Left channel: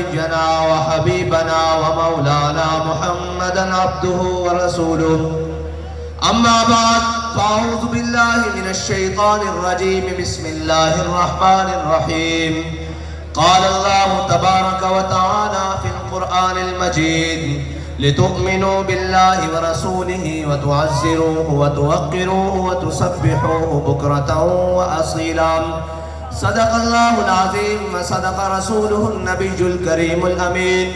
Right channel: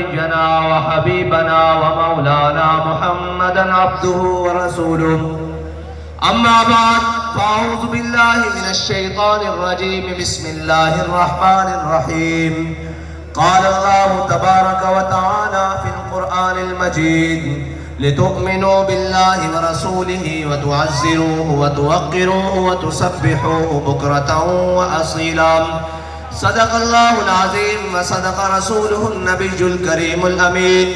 نبينا وحبيبنا ومولانا محمدا عبده ورسوله. أما بعد فأعوذ بالله من الشيطان الرجيم. بسم الله الرحمن الرحيم. قال الله تبارك وتعالى في القرآن المجيد: لتؤمنوا بالله ورسوله وتعزروه وتوقروه وتسبحوه بكرة وأصيلا. صدق الله العظيم وصدق رسوله النبي الكريم الأمين.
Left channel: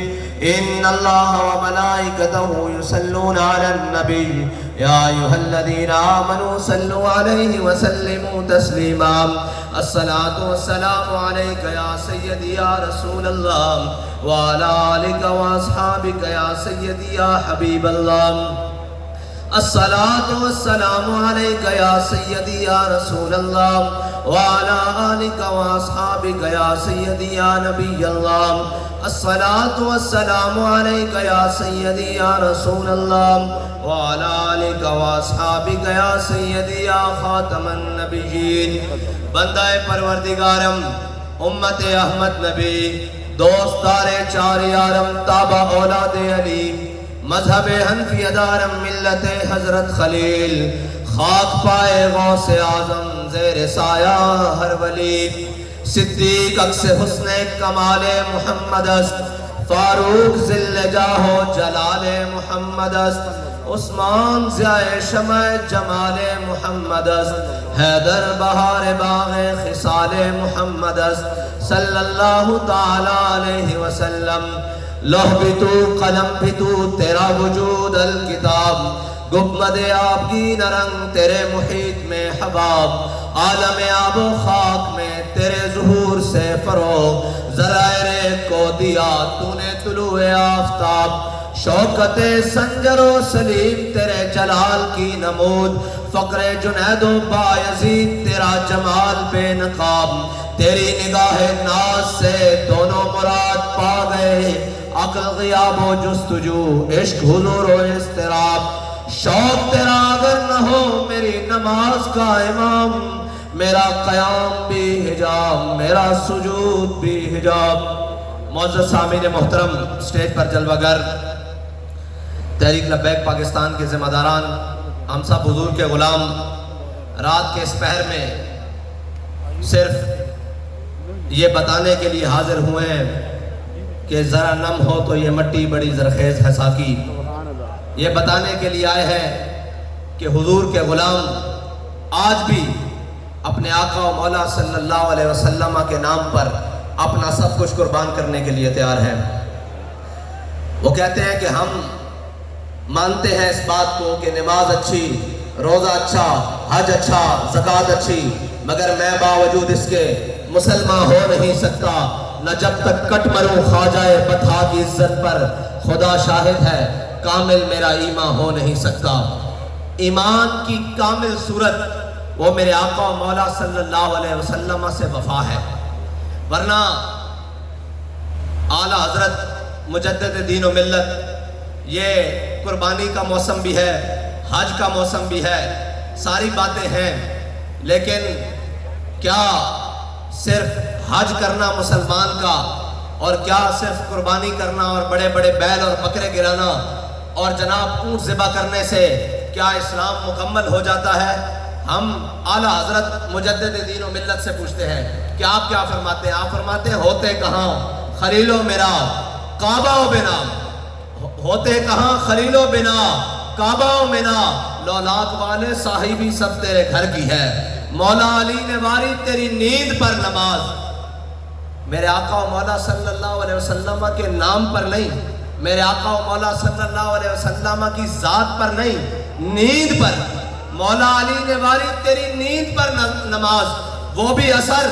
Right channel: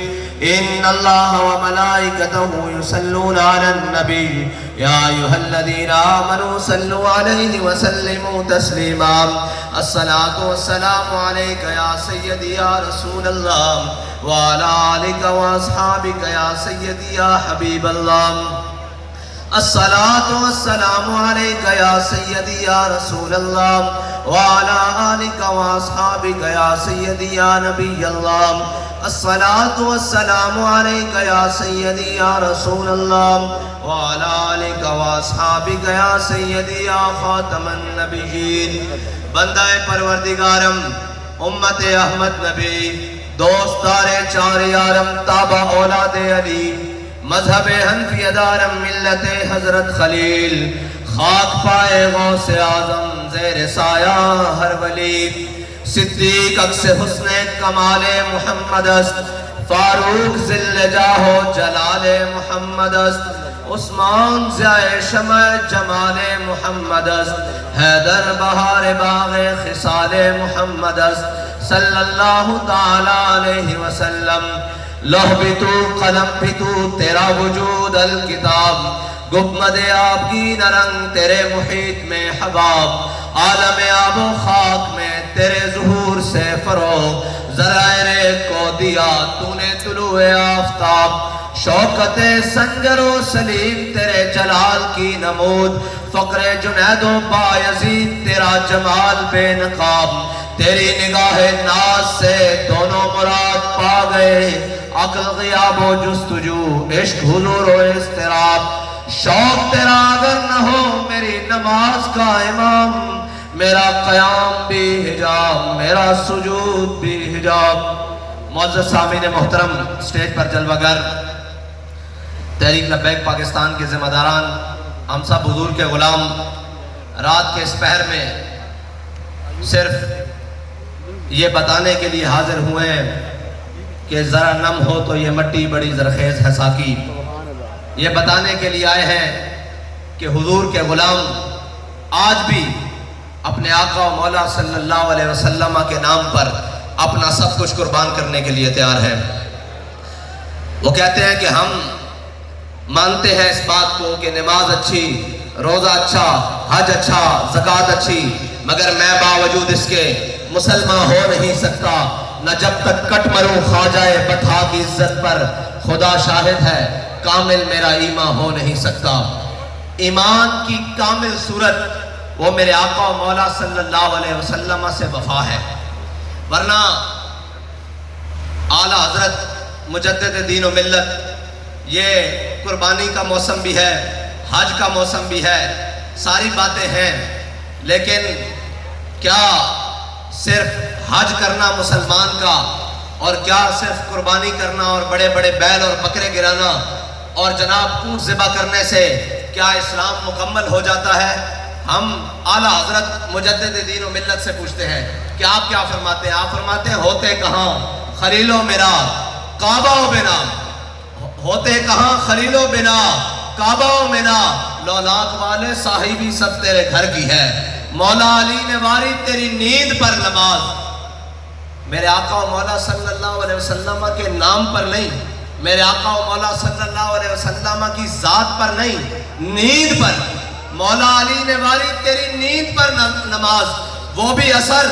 إن الله وملائكته يصلون على النبي يا أيها الذين آمنوا صلوا عليه وسلموا تسليما. الصلاة والسلام عليك يا سيدي يا رسول الله وعلى آلك وأصحابك يا سيدي يا حبيب الله. الصلاة والسلام عليك يا سيدي يا رسول الله وعلى آلك وأصحابك يا سيدي يا نبي الله. الصلاة والسلام عليك يا سيدي يا رسول الله وعلى آلك وأصحابك يا سيدي يا خاتم النبيين. بندہ پروردگارم، امت احمد نبی، دوستار چار یارم، تابع اولاد علی، مذہب حنفی دارم، ملت حضرت خلیل، خاک پائے غوث اعظم، زیر سایہ ہر ولی. صدیق اکس حسن کمال محمد است، فاروق ذل جاہ و جلال محمد است، عثمان ضیاء شمع جمال محمد است، حیدر بہار باغ خصال محمد است صلی اللہ تعالی علیہ وسلم. لوح بھی تو، قلم بھی تو، تیرا وجود الکتاب، گنبد آبگین رنگ تیرے محیط میں حباب، عالم آب و خاک میں تیرے ظہور سے فروغ، ذرائع کو دیا تو نے طلوع آفتاب، شوکت سنجر و سلیم تیرے جلال کی نمود، فقر جنید و بایزید تیرا جمال بے نقاب. تیری نگاہ ناز سے دونوں مراد پا گئے، عقل غیاب و جستجو، عشق حضور و اضطراب. شوق تیرا اگر نہ ہو میری نماز کا امام، میرا قیام بھی حجاب، میرا سجود بھی حجاب. معزز سامعین محترم، سٹیج پر جلوہ گر، تحریک لبیک پاکستان کے ذمہ داران، ہم سب حضور کے غلام، رات کے اس پہر میں صرف یہ بتانے کے لیے حاضر ہوئے ہیں کہ ذرا نم ہو تو یہ مٹی بڑی زرخیز ہے ساکی. یہ بتانے کے لیے آئے ہیں کہ حضور کے غلام آج بھی اپنے آقا و مولا صلی اللہ علیہ وسلم کے نام پر اپنا سب کچھ قربان کرنے کے لیے تیار ہیں. وہ کہتے ہیں کہ ہم مانتے ہیں اس بات کو کہ نماز اچھی، روزہ اچھا، حج اچھا، زکوٰۃ اچھی، مگر میں باوجود اس کے مسلمان ہو نہیں سکتا. نہ جب تک کٹ مروں خواجہ بطحا کی عزت پر، خدا شاہد ہے کامل میرا ایمان ہو نہیں سکتا. ایمان کی کامل صورت وہ میرے آقا و مولا صلی اللہ علیہ وسلم سے وفا ہے. ورنہ اعلیٰ حضرت مجدد دین و ملت، یہ قربانی کا موسم بھی ہے، حج کا موسم بھی ہے، ساری باتیں ہیں، لیکن کیا صرف حج کرنا مسلمان کا، اور کیا صرف قربانی کرنا اور بڑے بڑے بیل اور بکرے گرانا اور جناب اونٹ ذبح کرنے سے کیا اسلام مکمل ہو جاتا ہے؟ ہم اعلیٰ حضرت مجدد دین و ملت سے پوچھتے ہیں کہ آپ کیا فرماتے ہیں؟ آپ فرماتے ہیں ہوتے کہاں خلیل و میرا کعبہ و بنا، ہوتے کہاں خلیل و بنا کعبہ و منا، لولاد والے صاحبی سب تیرے گھر کی ہے، مولا علی نے واری تیری نیند پر نماز. میرے آقا و مولا صلی اللہ علیہ وسلم کے نام پر نہیں، میرے آقا و مولا صلی اللہ علیہ وسلم کی ذات پر نہیں، نیند پر. مولا علی نے واری تیری نیند پر نماز، وہ بھی اثر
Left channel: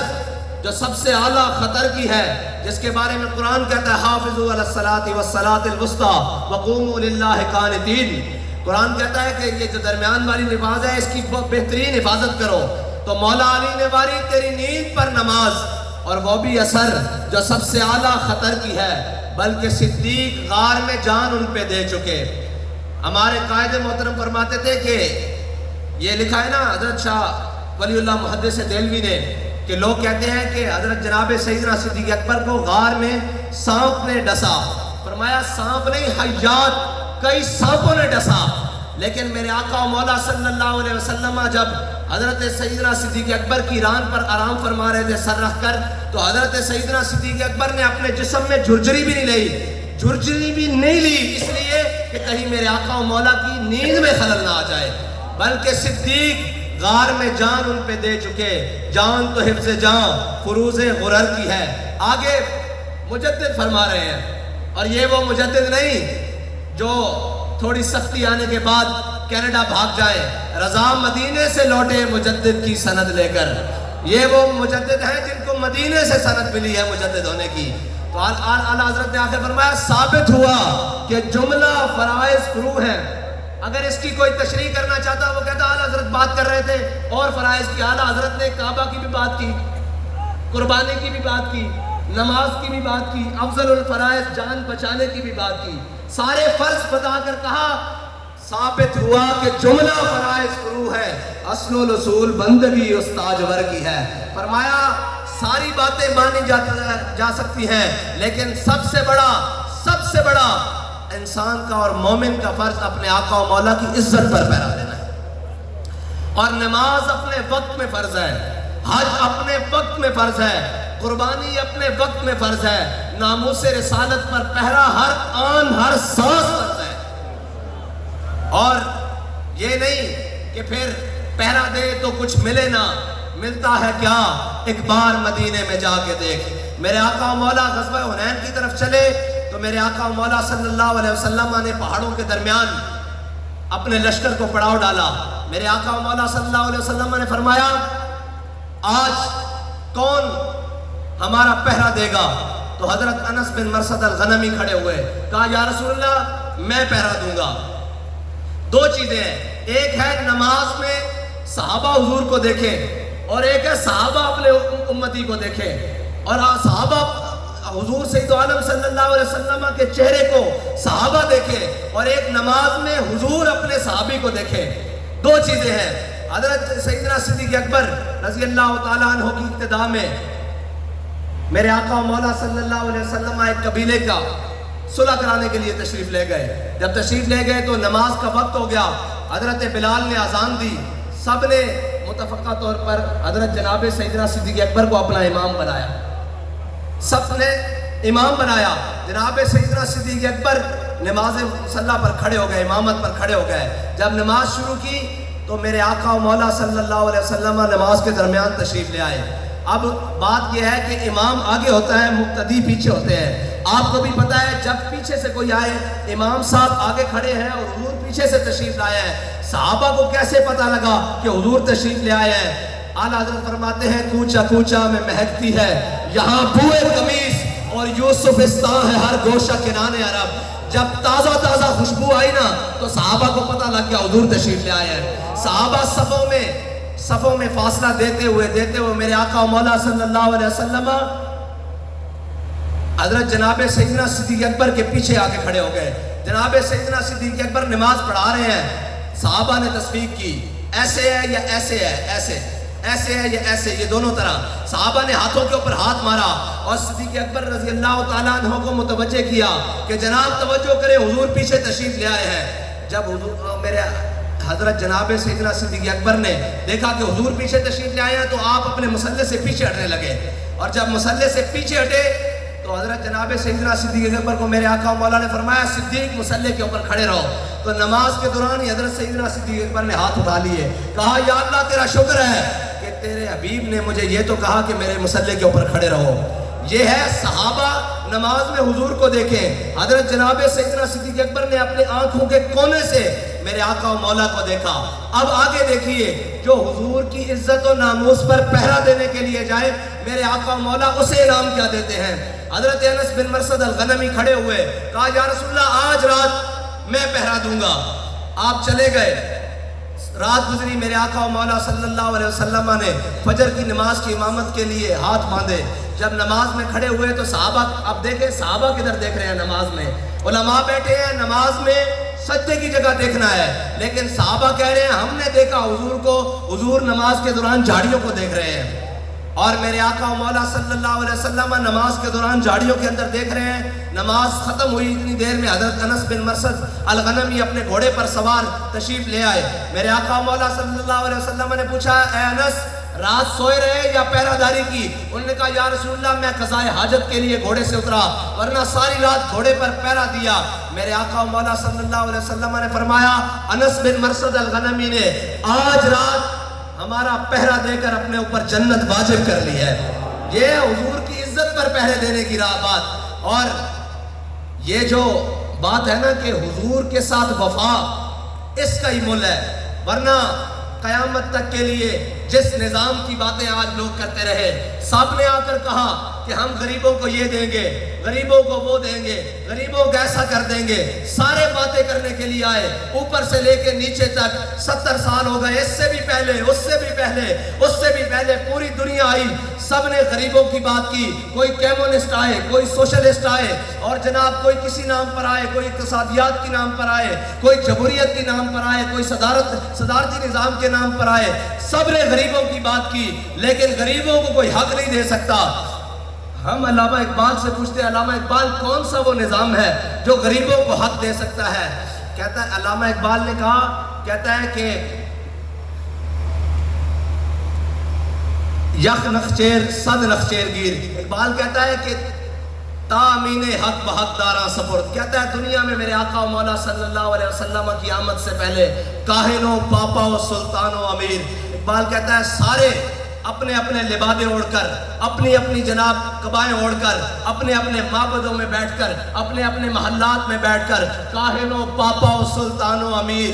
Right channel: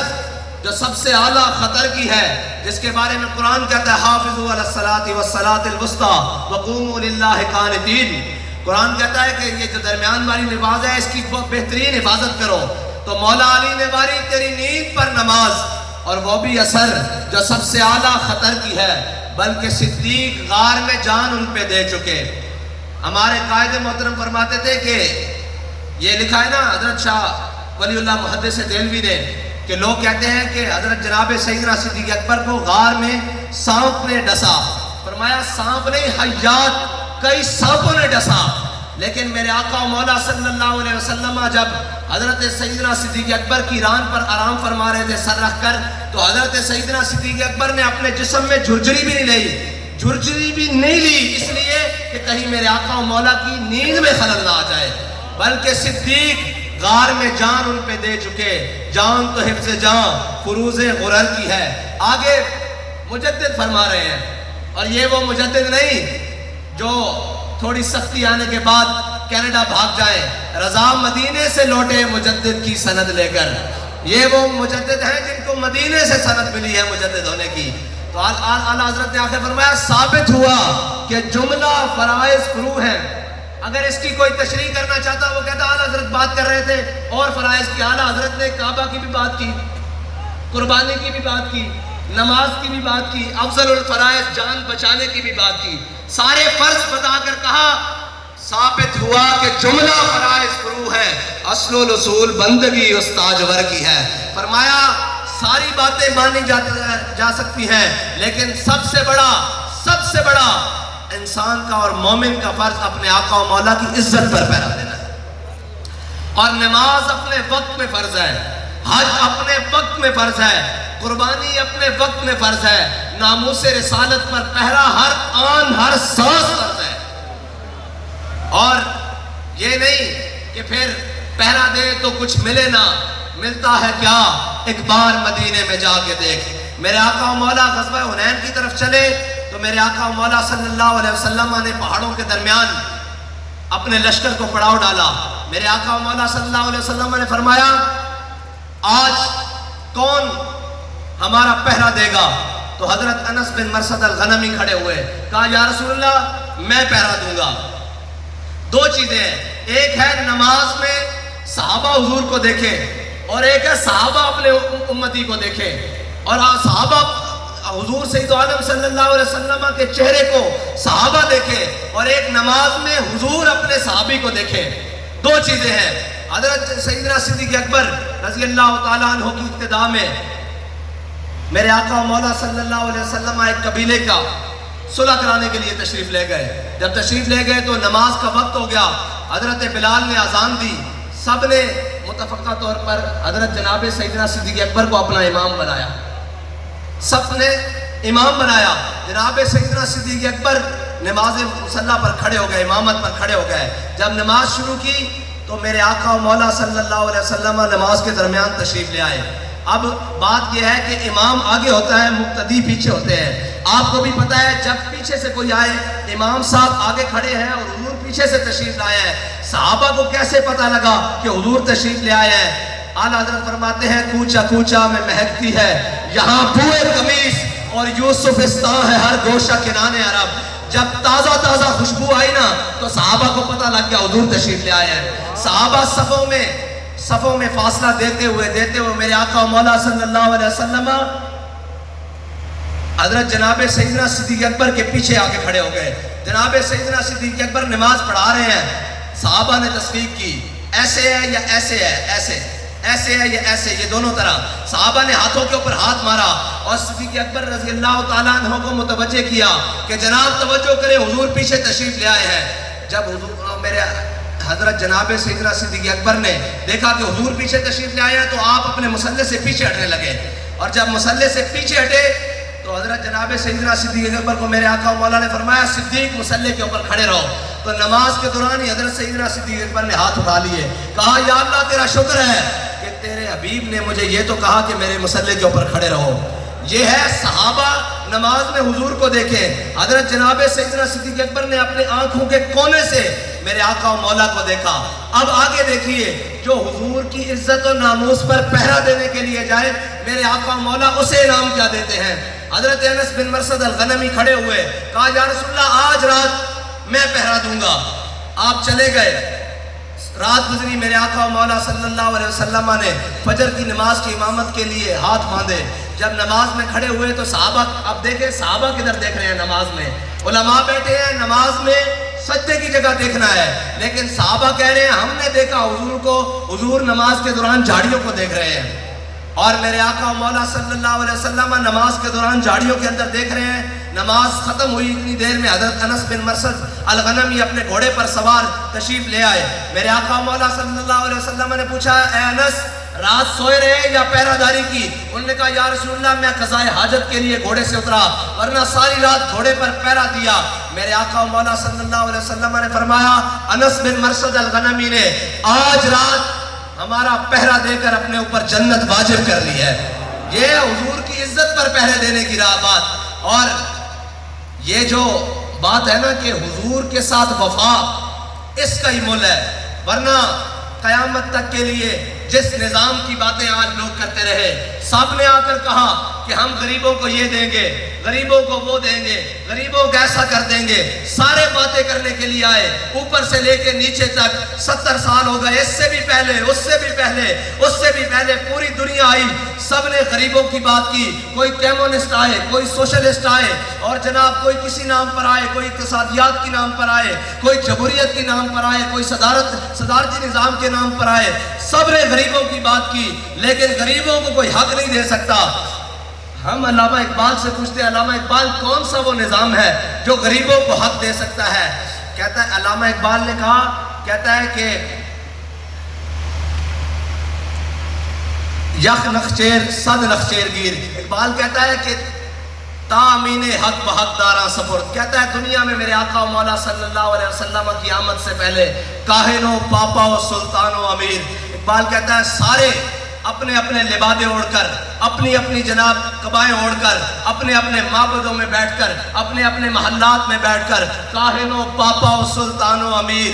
جو سب سے اعلیٰ خطر کی ہے، جس کے بارے میں قرآن کہتا ہے حافظوا علی الصلاۃ والصلاۃ الوسطیٰ وقوموا للہ قانتین. قرآن کہتا ہے کہ یہ جو درمیان والی نماز ہے اس کی بہت بہترین حفاظت کرو. تو مولا علی نے واری تیری نیند پر نماز، اور وہ بھی اثر جو سب سے اعلیٰ خطر کی ہے، بلکہ صدیق غار میں جان ان پہ دے چکے. ہمارے قائد محترم فرماتے تھے کہ یہ لکھا ہے نا حضرت شاہ ولی اللہ محدث دہلوی نے کہ لوگ کہتے ہیں کہ حضرت جناب سیدنا صدیق اکبر کو غار میں سانپ نے ڈسا. فرمایا سانپ نہیں, حیات کئی سانپوں نے ڈسا. لیکن میرے آقا و مولا صلی اللہ علیہ وسلم جب حضرت سیدنا صدیق اکبر کی ران پر آرام فرما رہے تھے سر رکھ کر, تو حضرت سیدنا صدیق اکبر نے اپنے جسم میں جھرجری بھی نہیں لی, اس لیے کہ کہیں میرے آقا و مولا کی نیند میں خلل نہ آ جائے. بلکہ صدیق غار میں جان ان پہ دے چکے, جان تو حفظ جان فروز غرر کی ہے. آگے مجدد فرما رہے ہیں, اور یہ وہ مجدد نہیں جو تھوڑی سختی آنے کے بعد کینیڈا بھاگ جائے, رضا مدینے سے لوٹے مجدد کی سند لے کر. یہ وہ مجدد ہیں جن کو مدینے سے سند ملی ہے مجدد ہونے کی. تو اعلیٰ حضرت نے آخر فرمایا ثابت ہوا کہ جملہ فرائض فروع ہیں. اگر اس کی کوئی تشریح کرنا چاہتا, وہ کہتا اعلیٰ حضرت بات کر رہے تھے اور فرائض کی. اعلیٰ حضرت نے کعبہ کی بھی بات کی, قربانی کی بھی بات کی, نماز کی بھی بات کی, افضل الفرائض جان بچانے کی بھی بات کی. سارے فرض بتا کر کہا ثابت ہوا کہ جملہ فرائض فروع ہے, اصل و اصول بندگی استاجور کی ہے. فرمایا ساری باتیں مانی جا سکتی ہیں, لیکن سب سے بڑا انسان کا اور مومن کا فرض اپنے آقا و مولا کی عزت پر پہرا دینا ہے. اور نماز اپنے وقت میں فرض ہے, حج اپنے وقت میں فرض ہے, قربانی اپنے وقت میں فرض ہے, ناموس رسالت پر پہرا ہر آن ہر سانس فرض ہے. اور یہ نہیں کہ پھر پہرا دے تو کچھ ملے نہ, ملتا ہے کیا, ایک بار مدینے میں جا کے دیکھ. میرے آقا و مولا غزوہ حنین کی طرف چلے تو میرے آقا و مولا صلی اللہ علیہ وسلم نے پہاڑوں کے درمیان اپنے لشکر کو پڑاؤ ڈالا. میرے آقا و مولا صلی اللہ علیہ وسلم نے فرمایا آج کون ہمارا پہرا دے گا؟ تو حضرت انس بن مرثد الغنمی کھڑے ہوئے, کہا یا رسول اللہ میں پہرا دوں گا. دو چیزیں ہیں, ایک ہے نماز میں صحابہ حضور کو دیکھیں, اور ایک ہے صحابہ اپنے امتی کو دیکھیں. اور صحابہ حضور سید عالم صلی اللہ علیہ وسلم کے چہرے کو صحابہ دیکھیں, اور ایک نماز میں حضور اپنے صحابی کو دیکھیں. دو چیزیں ہیں. حضرت سیدنا صدیق اکبر رضی اللہ تعالیٰ عنہ کی ابتدا میں میرے آقا و مولا صلی اللہ علیہ وسلم ایک قبیلے کا صلح کرانے کے لیے تشریف لے گئے. جب تشریف لے گئے تو نماز کا وقت ہو گیا. حضرت بلال نے اذان دی, سب نے متفقہ طور پر حضرت جناب سیدنا صدیق اکبر کو اپنا امام بنایا, سب نے امام بنایا. جناب سیدنا صدیق اکبر نماز مصلی پر کھڑے ہو گئے, امامت پر کھڑے ہو گئے. جب نماز شروع کی تو میرے آقا و مولا صلی اللہ علیہ وسلم نماز کے درمیان تشریف لے آئے. اب بات یہ ہے کہ امام آگے ہوتا ہے, مقتدی پیچھے ہوتے ہیں. آپ کو بھی پتا ہے جب پیچھے سے کوئی آئے, امام صاحب آگے کھڑے ہیں اور حضور پیچھے سے تشریف لائے ہیں, صحابہ کو کیسے پتا لگا کہ حضور تشریف لے آئے ہیں؟ اعلیٰ حضرت فرماتے ہیں کوچا کوچا میں مہکتی ہے یہاں بوئے قمیص اور یوسفستان ہے ہر گوشہ کنانے عرب. جب تازہ خوشبو آئی نا تو صحابہ کو پتا لگ گیا حضور تشریف لے آئے ہیں. صحابہ صفوں میں فاصلہ دیتے ہوئے میرے آقا و مولا صلی اللہ علیہ وسلم حضرت جناب سیدنا صدیق اکبر کے پیچھے آ کے کھڑے ہو گئے. جناب سیدنا صدیق اکبر نماز پڑھا رہے ہیں, صحابہ نے تصفیق کی, ایسے ہے یا ایسے ہے, ایسے ہے یا ایسے, یہ دونوں طرح. صحابہ نے ہاتھوں کے اوپر ہاتھ مارا اور صدیق اکبر رضی اللہ تعالیٰ عنہ کو متوجہ کیا کہ جناب توجہ کریں حضور پیچھے تشریف لے آئے ہیں. جب حضور میرے حضرت جناب سیدنا صدیق اکبر نے دیکھا کہ حضور پیچھے تشریف لے آئے ہیں تو آپ اپنے مصلی سے پیچھے ہٹنے لگے, اور جب مصلی سے پیچھے ہٹے تو حضرت جناب سیدنا صدیق اکبر کو میرے آقا و مولا نے فرمایا صدیق مصلی کے اوپر کھڑے رہو. تو نماز کے دوران ہی حضرت سیدنا صدیق اکبر نے ہاتھ اٹھا لیے, کہا یا اللہ تیرا شکر ہے کہ تیرے حبیب نے مجھے یہ تو کہا کہ میرے مصلی کے اوپر کھڑے رہو. یہ ہے صحابہ نماز میں حضور کو دیکھیں. حضرت جناب سیدنا صدیق اکبر نے اپنے آنکھوں کے کونے سے میرے آقا و مولا کو دیکھا. اب آگے دیکھیے, جو حضور کی عزت و ناموس پر پہرا دینے کے لیے جائے میرے آقا و مولا اسے انعام کیا دیتے ہیں. حضرت انس بن مرثد الغنمی کھڑے ہوئے, کہا یا رسول اللہ آج رات میں پہرا دوں گا. آپ چلے گئے, رات گزری, میرے آقا و مولا صلی اللہ علیہ وسلم نے فجر کی نماز کی امامت کے لیے ہاتھ باندھے. جب نماز میں کھڑے ہوئے تو صحابہ, اب دیکھیں صحابہ کدھر دیکھ رہے ہیں نماز میں, علماء بیٹھے ہیں نماز میں سجدے کی جگہ دیکھنا ہے, لیکن صحابہ کہہ رہے ہیں ہم نے دیکھا حضور کو, حضور نماز کے دوران جھاڑیوں کو دیکھ رہے ہیں. اور میرے آقا و مولا صلی اللہ علیہ وسلم نماز کے دوران جھاڑیوں کے اندر دیکھ رہے ہیں، نماز ختم ہوئی اتنی دیر میں حضرت انس بن مرثد الغنمی اپنے گھوڑے پر سوار تشریف لے آئے۔ میرے آقا و مولا صلی اللہ علیہ وسلم نے پوچھا، اے انس رات سوئے رہے یا پہرہ داری کی؟ انہوں نے کہا یا رسول اللہ میں قضائے حاجت کے لیے گھوڑے سے اترا، ورنہ ساری رات گھوڑے پر پہرہ دیا۔ میرے آقا و مولا صلی اللہ علیہ وسلم نے فرمایا، انس بن مرثد الغنمی نے آج رات ہمارا پہرہ دے کر اپنے اوپر جنت واجب کر لی ہے۔ یہ حضور کی عزت پر پہرے دینے کی بات، اور یہ جو بات ہے نا کہ حضور کے ساتھ وفا، اس کا ہی مول ہے، ورنہ قیامت تک کے لیے جس نظام کی باتیں آج لوگ کرتے رہے، سب نے آ کر کہا کہ ہم غریبوں کو یہ دیں گے، غریبوں کو وہ دیں گے، غریبوں کو ایسا کر دیں گے، سارے باتیں کرنے کے لیے آئے، اوپر سے لے کے نیچے تک 70 سال ہو گئے، اس سے بھی پہلے، اس سے بھی پہلے، اس سے بھی پہلے پوری دنیا آئی، سب نے غریبوں کی بات کی، کوئی کمیونسٹ آئے، کوئی سوشلسٹ آئے، اور جناب کوئی کسی نام پر آئے، کوئی اقتصادیات کی نام پر آئے، کوئی جمہوریت کی نام پر آئے، کوئی صدارتی نظام کے نام پر آئے، سب نے غریبوں کی بات کی، لیکن غریبوں کو کوئی حق نہیں دے سکتا۔ ہم علامہ اقبال سے پوچھتے ہیں، علامہ اقبال کون سا وہ نظام ہے جو غریبوں کو حق دے سکتا ہے؟ کہتا ہے، علامہ اقبال نے کہا، کہتا ہے کہ یک نخچیر صد نخچیر گیر، اقبال کہتا ہے کہ تامین حق بحق داراں سپرد، کہتا ہے دنیا میں میرے آقا و مولا صلی اللہ علیہ وسلم کی آمد سے پہلے کاہن و پاپا و سلطان و امیر، اقبال کہتا ہے سارے اپنے اپنے لبادے اوڑھ کر، اپنی اپنی جناب قبائیں اوڑھ کر، اپنے اپنے معبدوں میں بیٹھ کر، اپنے اپنے محلات میں بیٹھ کر، کاہن و پاپا و سلطان و امیر،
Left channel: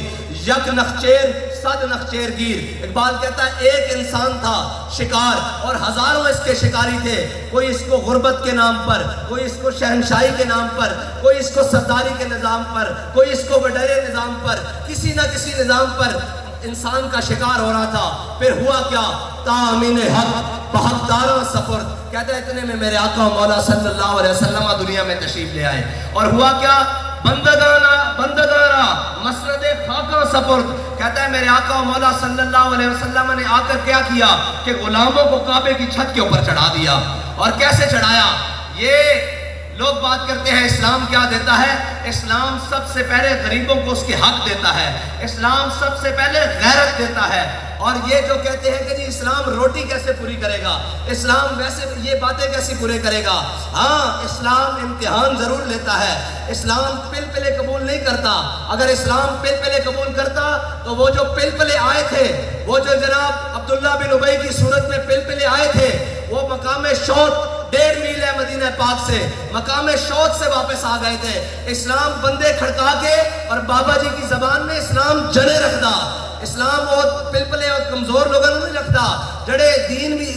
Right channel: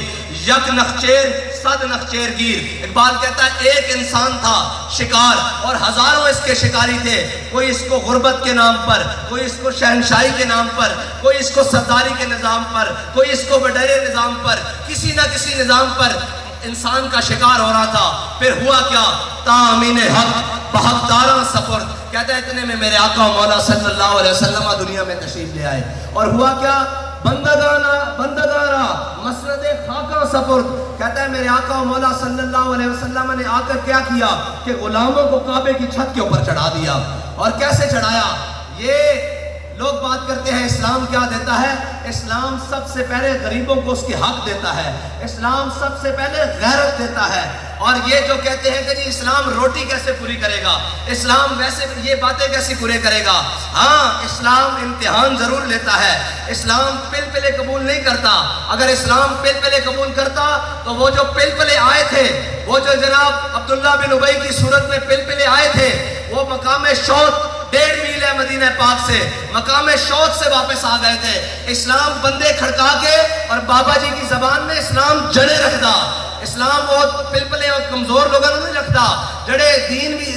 یک نخچیر صد نخچیر گیر، اقبال کہتا ہے ایک انسان تھا شکار اور ہزاروں اس کے شکاری تھے، کوئی اس کو غربت کے نام پر، کوئی اس کو شہنشاہی کے نام پر، کوئی اس کو سرداری کے نظام پر، کوئی اس کو وڈیرے نظام پر، کسی نہ کسی نظام پر انسان کا شکار ہو رہا تھا۔ پھر ہوا کیا؟ تامین حق بحق داراں سپرد، کہتا ہے اتنے میں میرے آقا و مولا صلی اللہ علیہ وسلم دنیا میں تشریف لے آئے، اور ہوا کیا؟ بندگانا مسند خاکاں سپرد، کہتا ہے میرے آقا و مولا صلی اللہ علیہ وسلم نے آ کر کیا کیا کہ غلاموں کو کعبے کی چھت کے اوپر چڑھا دیا۔ اور کیسے چڑھایا؟ یہ لوگ بات کرتے ہیں اسلام کیا دیتا ہے؟ اسلام سب سے پہلے غریبوں کو اس کے حق دیتا ہے، اسلام سب سے پہلے غیرت دیتا ہے، اور یہ جو کہتے ہیں کہ جی اسلام روٹی کیسے پوری کرے گا، اسلام ویسے یہ باتیں کیسے پورے کرے گا، ہاں اسلام امتحان ضرور لیتا ہے، اسلام پلپلے قبول نہیں کرتا۔ اگر اسلام پلپلے قبول کرتا تو وہ جو پلپلے آئے تھے، وہ جو جناب عبداللہ بن ابی کی صورت میں پلپلے آئے تھے، وہ مقام شوط 1.5 میل ہے مدینہ پاک سے، مقام شوط سے واپس آ گئے تھے۔ اسلام بندے کھڑکا کے، اور بابا جی کی زبان میں اسلام جڑے رکھتا، اسلام بہت پلپلے اور کمزور لوگوں نہیں رکھتا، جڑے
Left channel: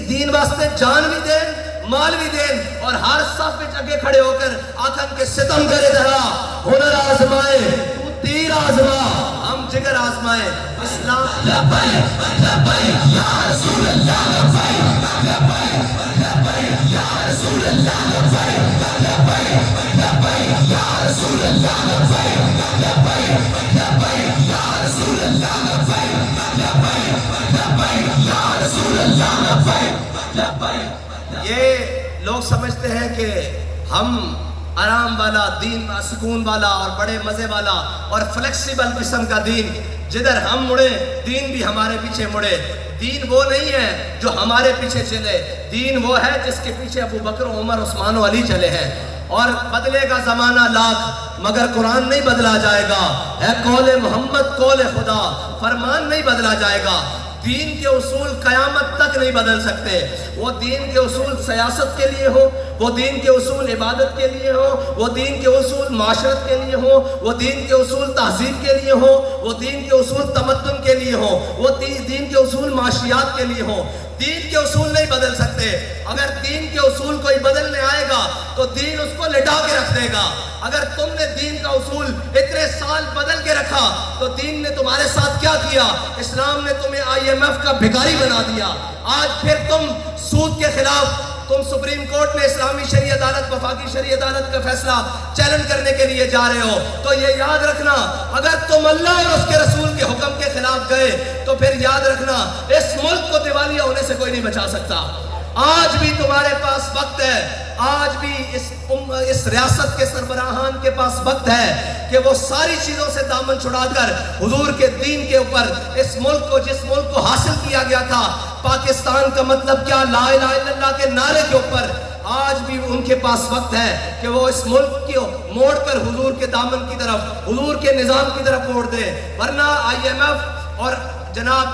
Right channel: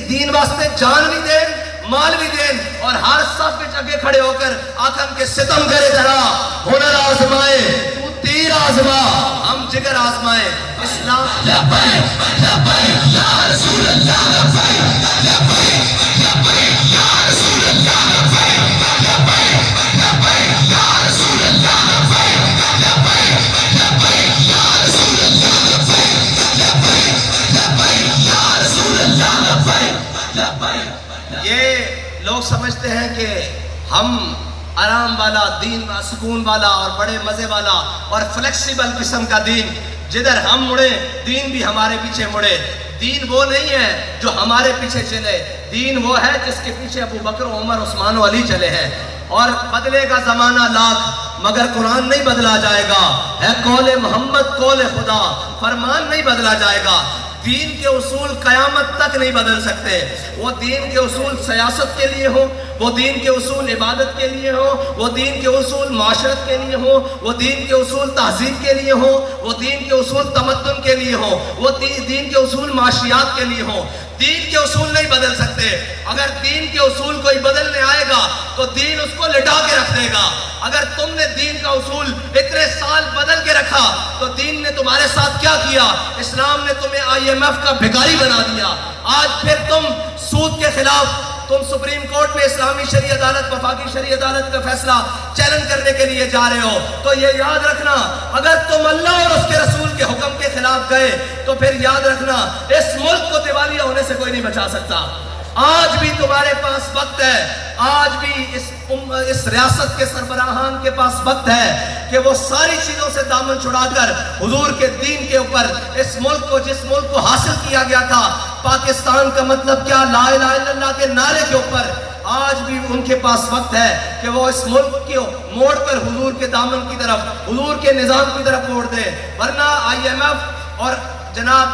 دین واسطے جان بھی دیں، مال بھی دیں، اور ہر صف وچ اگے کھڑے ہو کر آکھن کے ستم کرے ذرا ہنر آزمائے، تو تیر آزما، ہم جگر آزمائے۔ اسلام لبیک لبیک یا رسول اللہ، لبیک لبیک لبیک یا رسول اللہ، لبیک لبیک لبیک یا رسول اللہ، لبیک لبیک لبیک یا رسول اللہ، لبیک لبیک لبیک یا رسول اللہ، لبیک لبیک۔ یہ لوگ سمجھتے ہیں کہ ہم آرام والا دین، سکون والا اور بڑے مزے والا اور فلیکسیبل قسم کا دین، جدھر ہم مڑے دین بھی ہمارے پیچھے مڑے۔ دین وہ نہیں ہے جو ہمارے پیچھے چلے، دین وہ ہے جس کے پیچھے ابو بکر، عمر، عثمان و علی چلے ہیں۔ اور بدلے گا زمانہ لاکھ مگر قرآن نہیں بدلا جائے گا، ہے قول محمد قول خدا، فرمان نہیں بدلا جائے گا۔ دین کے اصول قیامت تک نہیں بدل سکتے، وہ دین کے اصول سیاست کے لیے ہو، وہ دین کے اصول عبادت کے لیے ہو، وہ دین کے اصول معاشرت کے لیے ہو، وہ دین کے اصول تہذیب کے لیے ہو، وہ دین کے اصول تمدن کے لیے ہو، وہ دین کے اصول معاشیات کے لیے ہو۔ دین کے اصول نہیں بدل سکتے۔ اگر دین کے اصول کوئی بدلنے آئے گا تو دین اس کو لٹا کے رکھ دے گا۔ اگر تم نے دین کا اصول اتنے سال بدل کے رکھا تو دین نے تمہارے ساتھ کیا کیا؟ اسلام نے تمہیں IMF کا بھکاری بنا دیا۔ آج پھر تم سود کے خلاف، تم سپریم کورٹ میں اسلامی شرعی عدالت، وفاقی شرعی عدالت کا فیصلہ چیلنج کرنے کے لیے جا رہے ہو، تو یہ یاد رکھنا اگر تم اللہ اور اس کے رسول کے حکم کے خلاف گئے تو پھر یاد رکھنا اس ملک کو دیوالیہ ہونے سے کوئی نہیں بچا سکتا۔ آج بھی تمہارے پاس وقت ہے، آج بھی اس ریاست کے سربراہان کے پاس وقت ہے کہ وہ ساری چیزوں سے دامن چھڑا کر حضور کے دین کے اوپر اس ملک کو، جس ملک کو حاصل کیا گیا تھا پاکستان کا مطلب کیا، لا الہ الا اللہ کے نعرے کے اوپر، آج بھی ان کے پاس وقت ہے کہ وہ اس ملک کو موڑ کر حضور کے دامن کی طرف، حضور کے نظام کی طرف موڑ دے. ورنہ IMF اور جناب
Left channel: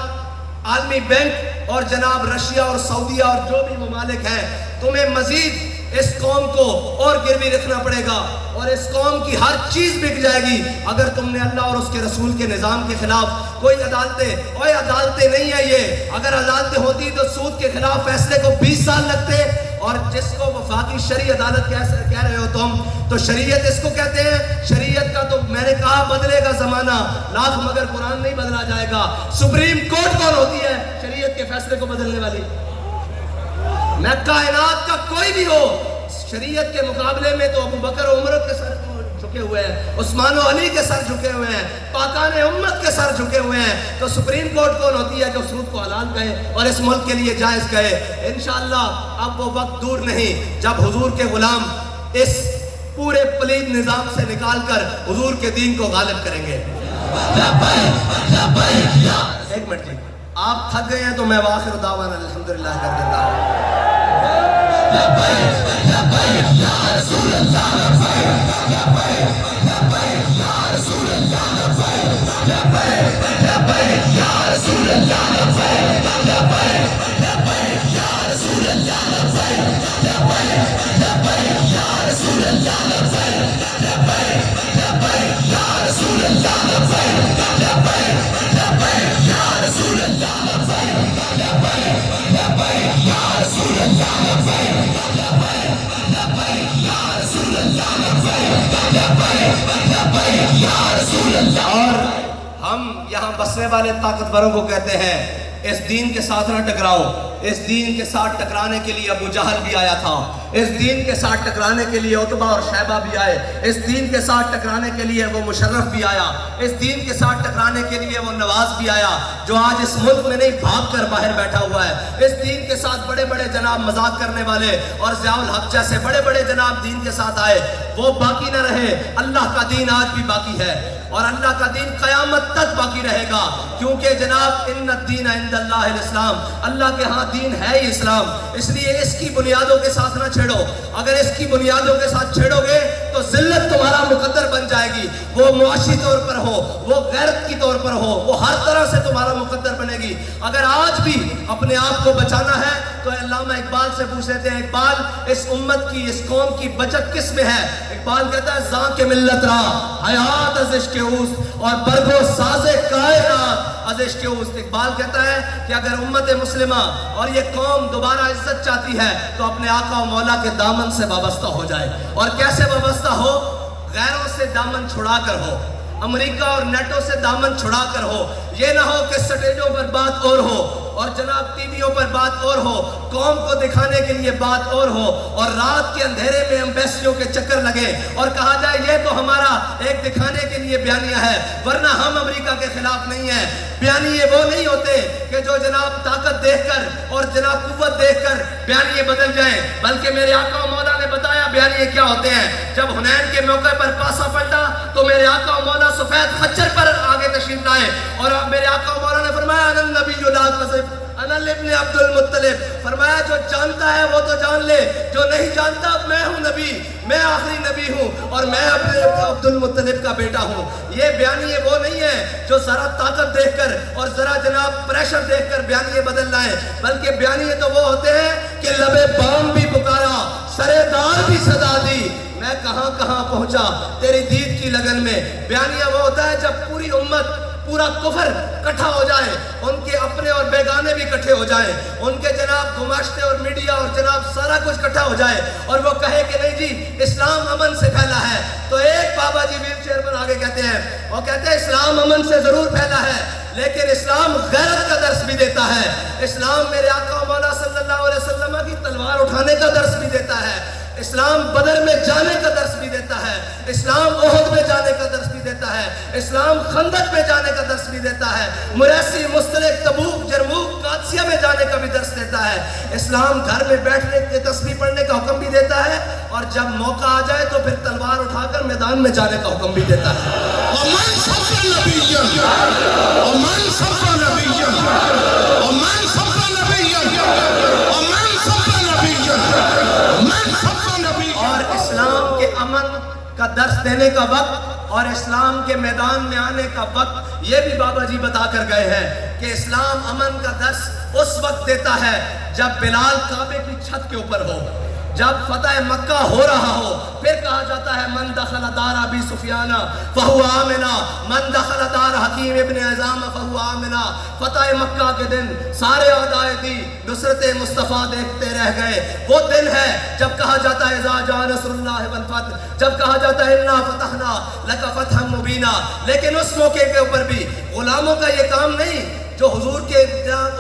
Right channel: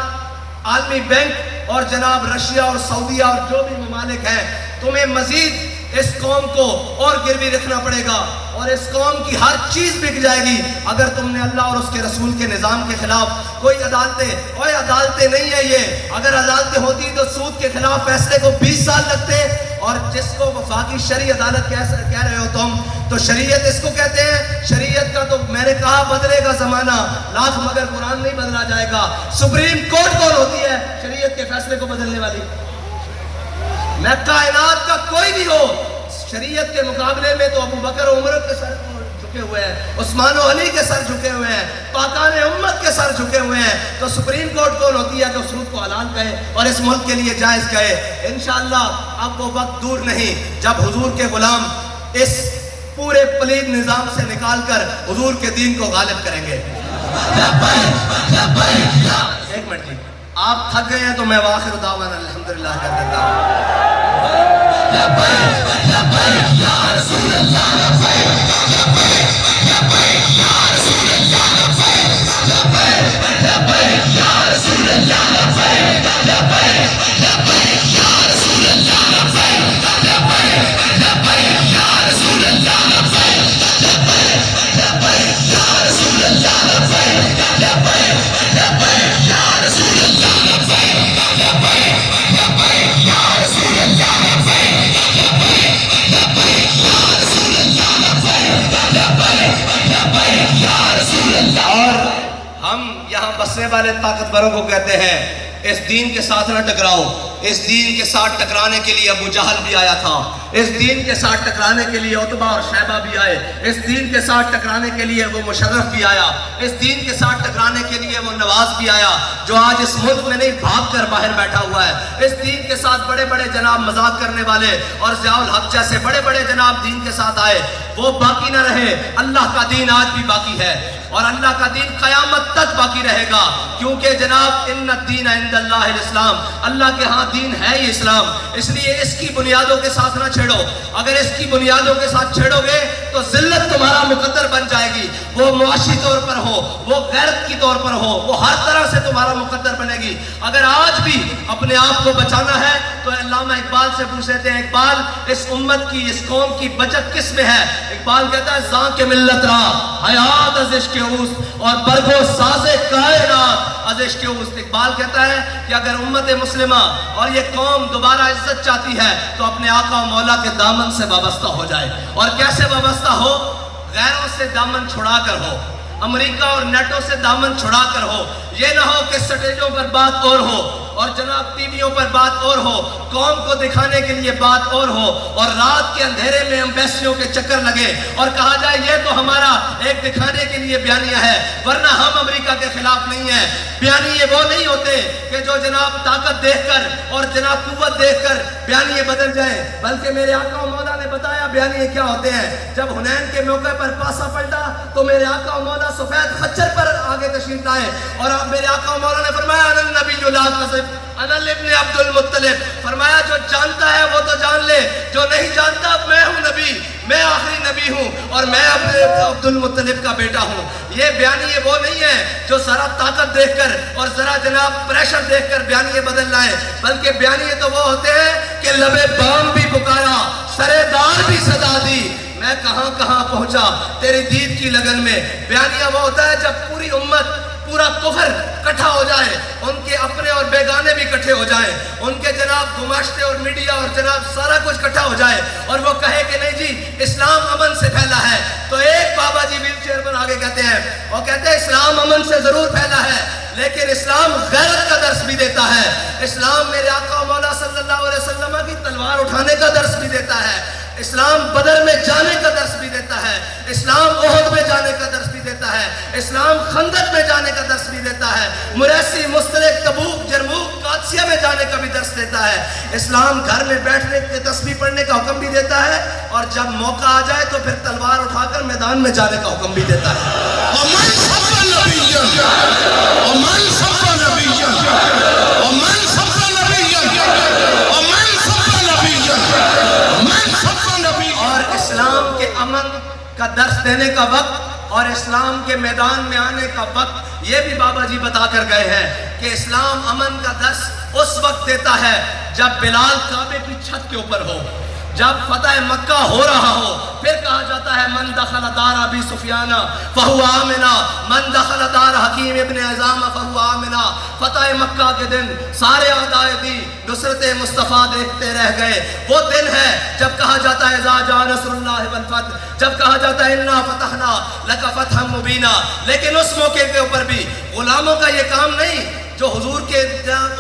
عالمی بینک اور جناب رشیا اور سعودیہ اور جو بھی ممالک ہیں، تمہیں مزید اس قوم کو اور گروی رکھنا پڑے گا، اور اس قوم کی ہر چیز بک جائے گی اگر تم نے اللہ اور اس کے رسول کے نظام کے خلاف کوئی عدالتیں نہیں ہے یہ. اگر عدالتیں ہوتی تو سود کے خلاف فیصلے کو 20 سال لگتے، اور جس کو وفاقی شرعی عدالت کہہ رہے ہو تم، تو شریعت اس کو کہتے ہیں. شریعت کا تو میں نے کہا بدلے گا زمانہ لاکھ مگر قرآن نہیں بدلا جائے گا. سپریم کورٹ کون ہوتی ہے شریعت کے فیصلے کو بدلنے والی؟ میں کائنات کا کوئی بھی ہو، شریعت کے مقابلے میں تو ابو بکر و عمر کے سر جھکے ہوئے ہیں، عثمان و علی کے سر جھکے ہوئے ہیں، پاکان امت کے سر جھکے ہوئے ہیں. تو سپریم کورٹ کون ہوتی ہے جو سود کو حلال کہے اور اس ملک کے لیے جائز کہے؟ انشاءاللہ اب وہ وقت دور نہیں جب حضور کے غلام اس پورے پلید نظام سے نکال کر حضور کے دین کو غالب کریں گے. ایک منٹ جی، آپ تھک گئے ہیں تو میں وآخر دعوانا الحمدللہ کر دیتا ہوں. اور ہم یہاں بسنے والے طاقتوروں کو کہتے ہیں اس دین کے ساتھ نہ ٹکراؤ. اس دین کے ساتھ ٹکرانے کے لیے ابو جہل بھی آیا تھا، اس دین کے ساتھ ٹکرانے کے لیے عتبہ اور شیبہ بھی آئے، اس دین کے ساتھ ٹکرانے کے لیے وہ مشرف بھی آیا، اس دین کے ساتھ ٹکرانے کے لیے وہ نواز بھی آیا جو آج اس ملک میں نہیں بھاگ کر باہر بیٹھا ہوا ہے. اس دین کے ساتھ بڑے بڑے جناب مذاق کرنے والے اور ضیاء الحق جیسے بڑے بڑے جناب دین کے ساتھ آئے، وہ باقی نہ رہے. اللہ کا دین آج بھی باقی ہے اور اللہ کا دین قیامت تک باقی رہے گا، کیونکہ جناب ان الدین عند اللہ الاسلام، اللہ کے ہاں دین ہے ہی اسلام. اس لیے اس کی بنیادوں کے ساتھ نہ چھیڑو. اگر اس کی بنیادوں کے ساتھ چھیڑو گے تو ذلت تمہارا مقدر بن جائے گی، وہ معاشی طور پر ہو، وہ غیرت کی طور پر ہو، وہ ہر طرح سے تمہارا مقدر بنے گی. اگر آج بھی اپنے آپ کو بچانا ہے تو علامہ اقبال سے پوچھ لیتے ہیں، اقبال اس امت کی، اس قوم کی بچت کس میں ہے؟ اقبال کہتا ہے زاں کے ملت را حیات از عشق اوست اور برگو ساز کائنات از عشق اوست. اقبال کہتا ہے کہ اگر امت مسلمہ اور یہ قوم دوبارہ عزت چاہتی ہے تو اپنے آقا و مولا کے دامن سے وابستہ ہو جائے. اور کیسے وابستہ ہو؟ غیروں سے دامن چھڑا کر ہو، امریکہ اور نیٹو سے دامن چھڑا کر ہو. یہ نہ ہو کہ سٹیجوں پر بات اور ہو اور جناب ٹی ویوں پر بات اور ہو، قوم کو دکھانے کے لیے بات اور ہو، اور رات کے اندھیرے میں ایمبیسیوں کے چکر لگے اور کہا جائے یہ تو ہمارا ایک دکھانے کے لیے بیانیہ ہے، ورنہ ہم امریکہ کے خلاف نہیں ہیں. بیانیے وہ نہیں ہوتے کہ جو جناب طاقت دیکھ کر اور جناب قوت دیکھ کر بیانیے بدل جائیں، بلکہ میرے آقا و مولا نے بتایا بیانیے کیا ہوتے ہیں. جب حنین کے موقع پر پاسا پلٹا تو میرے آقا و مولا سفید خچر پر آگے تشریف لائے اور میرے آقا و مولا نے فرمایا انا النبی لا کذب انا ابن عبد المطلب. فرمایا جو جانتا ہے وہ تو جان لے، جو نہیں جانتا میں ہوں نبی، میں آخری نبی ہوں اور میں اپنے عبد المطلب کا بیٹا ہوں. یہ بیانیے وہ نہیں ہے جو ذرا طاقت دیکھ کر اور ذرا جناب پریشر دیکھ کر بیانیے بدل لائیں، بلکہ بیانیے تو وہ ہوتے ہیں کہ لبے بام بھی پکارا، سرے دار بھی صدا دی، میں کہاں کہاں پہنچا تیری دید کی لگن میں. بیانیہ وہ ہوتا ہے جب پوری امت، پورا کفر کٹھا ہو جائے، ان کے اپنے اور بیگانے بھی کٹھے ہو جائیں، ان کے جناب گماشتے اور میڈیا اور جناب سارا کچھ کٹھا ہو جائے اور وہ کہے کہ نہیں جی اسلام امن سے پھیلا ہے. تو ایک بابا جی ویل چیئر پر آگے کہتے ہیں، وہ کہتے ہیں اسلام امن سے ضرور پھیلا ہے لیکن اسلام غیرت کا درس بھی دیتا ہے. اسلام میرے آقا و مولا صلی اللہ علیہ وسلم کی تلوار اٹھانے کا درس بھی دیتا ہے، اسلام بدر میں جانے کا درس بھی دیتا ہے، اسلام احد میں جانے کا درس بھی دیتا ہے، اسلام خندق میں جانے کا درس بھی دیتا ہے، مریسی، مستلق، تبوک، جرموک، قادسیہ میں جانے کا بھی درس دیتا ہے۔ اسلام گھر میں بیٹھنے کے تسبیح پڑھنے کا حکم بھی دیتا ہے، اور جب موقع آ جائے تو پھر تلوار اٹھا کر میدان میں جانے کا حکم بھی دیتا ہے۔ ومن سب نبی ومن سب نبی ومن سب نبی ومن سب نبی ومن سب نبی۔ اور اسلام کے امن کا درس دینے کا وقت اور اسلام کے میدان میں آنے کا وقت یہ بھی بابا جی بتا کر گئے ہیں کہ اسلام امن کا درس اس وقت دیتا ہے جب بلال کعبے کی چھت کے اوپر ہو، جب فتح مکہ ہو رہا ہو۔ پھر کہا جاتا ہے من دخل دار ابی سفیان فہو آمنا، من دخل دار حکیم ابن حزام فہو آمنا۔ فتح مکہ کے دن سارے اعدائے دی نصرت مصطفیٰ دیکھتے رہ گئے۔ وہ دن ہے جب کہا جاتا ہے اذا جاء نصر اللہ والفتح، جب کہا جاتا ہے انا فتحنا لک فتحا مبینا۔ لیکن اس موقع کے اوپر بھی غلاموں کا یہ کام نہیں، جو حضور کے